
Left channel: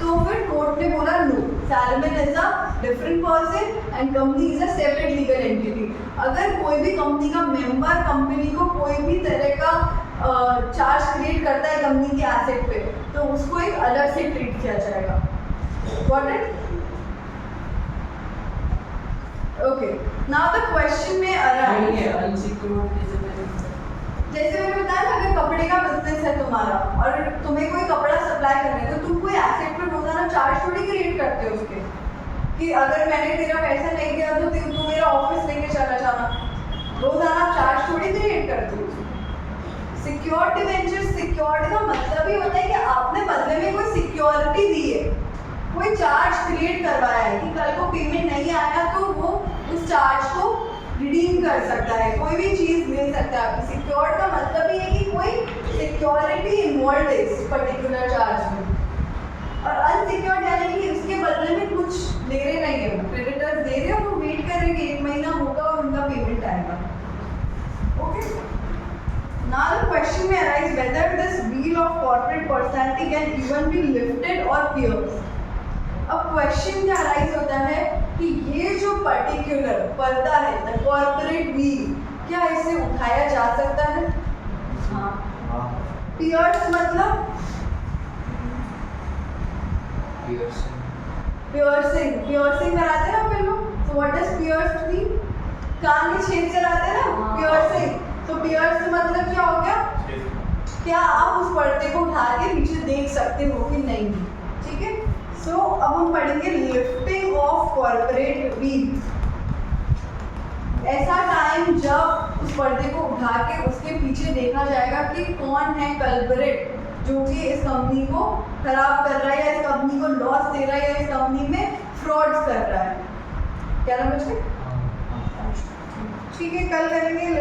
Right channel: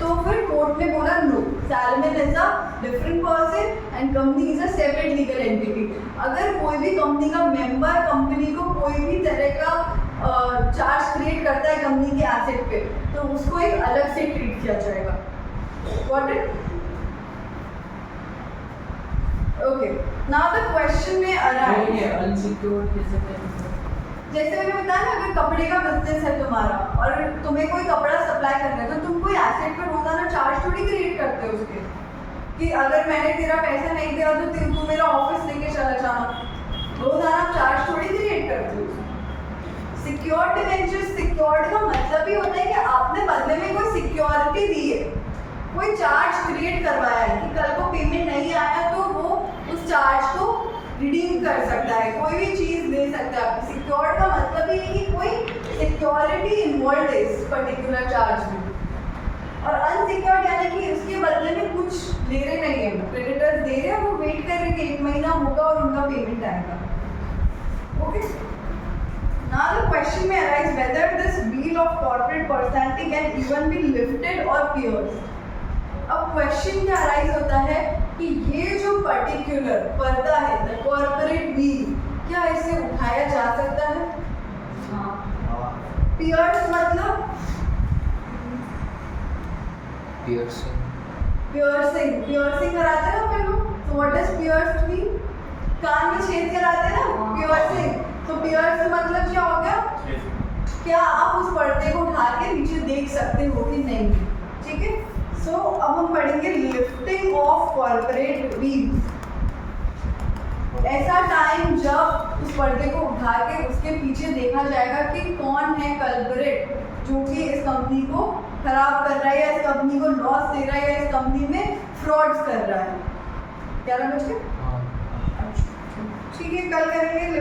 तो फिर कोर्ट ने बोला no, Salomon is a different person and company is a separate legal entity. अगर कोई भी कंपनी का मेंबर कंपनी को कोई भी तरह का चार्ज क्रिएट करता है कंपनी के एसेट पे, तो उसको एक अलग से ट्रीट किया जाएगा। Got it? Okay. Now the question may arise. जैसे मैंने बताया ना, अगर कपड़े का बिजनेस है तुम्हारा और तुम्हें कोई कपड़ा सप्लाई करना है, तो तुम कोई एसेट पे रोजाना चार्ज थोड़ी क्रिएट करते हो उसके, कि अगर मैंने तेरा पैसा नहीं दिया तो तू मेरा ऑफिस लेके चला जाना, रोजाना आप चार्ज थोड़ी क्रिएट करते हो। सिक्योर्ड डिबेंचर, सिक्योर्ड का मतलब ही होता है कि आपने बदले में कोई सिक्योरिटी दी है, कोई चार्ज क्रिएट करवाया है कि कल को पेमेंट नहीं आया तो वो उस चार्ज को रिडीम कर सकता है, कोई भी चीज़ दे सकता है। सिक्योर्ड का मतलब ये है कि कोई सिक्योरिटी इन्वॉल्व है इस पर्टिकुलर चार्ज में। और अनसिक्योर्ड यानी कि इसके बदले में कुछ ले रहे नहीं है, क्रेडिटर्स दे रहे हैं, वो वेट करेंगे 1 महीना होगा और उनका पेमेंट आएगा। Okay, Now the question may arise whether this wheel of corporate personality can even be lifted or pierced. अब क्वेश्चन क्या अराइज होता है कि ये जो पर्टिकुलर पर्दा है द कॉर्पोरेट व्हील, क्या इसे उठाया जा सकता है? पियर्स मतलब पियर्सिंग कराते हैं ना अपन लोग, तो व्हाट डज पियर्स मीन? कान में छेद कराते हैं ना, पियर्सिंग। तो पियर्स मतलब क्या हो गया? क्या आप उस पर्दे को उठा के नीचे देख सकते हो कि नहीं? ठीक है, सो अब हम पढ़ेंगे लिफ्टिंग ऑफ कॉर्पोरेट व्हील। ऐसा टाइम जब उस पर्दे को उठा के उसके पीछे देखा जाएगा कि कौन है कल्परेट जो कि इस कंपनी को खराब कर रहा है या इस कंपनी को लॉस दे रहा है या इस कंपनी में फ्रॉड्स कर रहा है। 11 बजे ठीक है, कल करेंगे।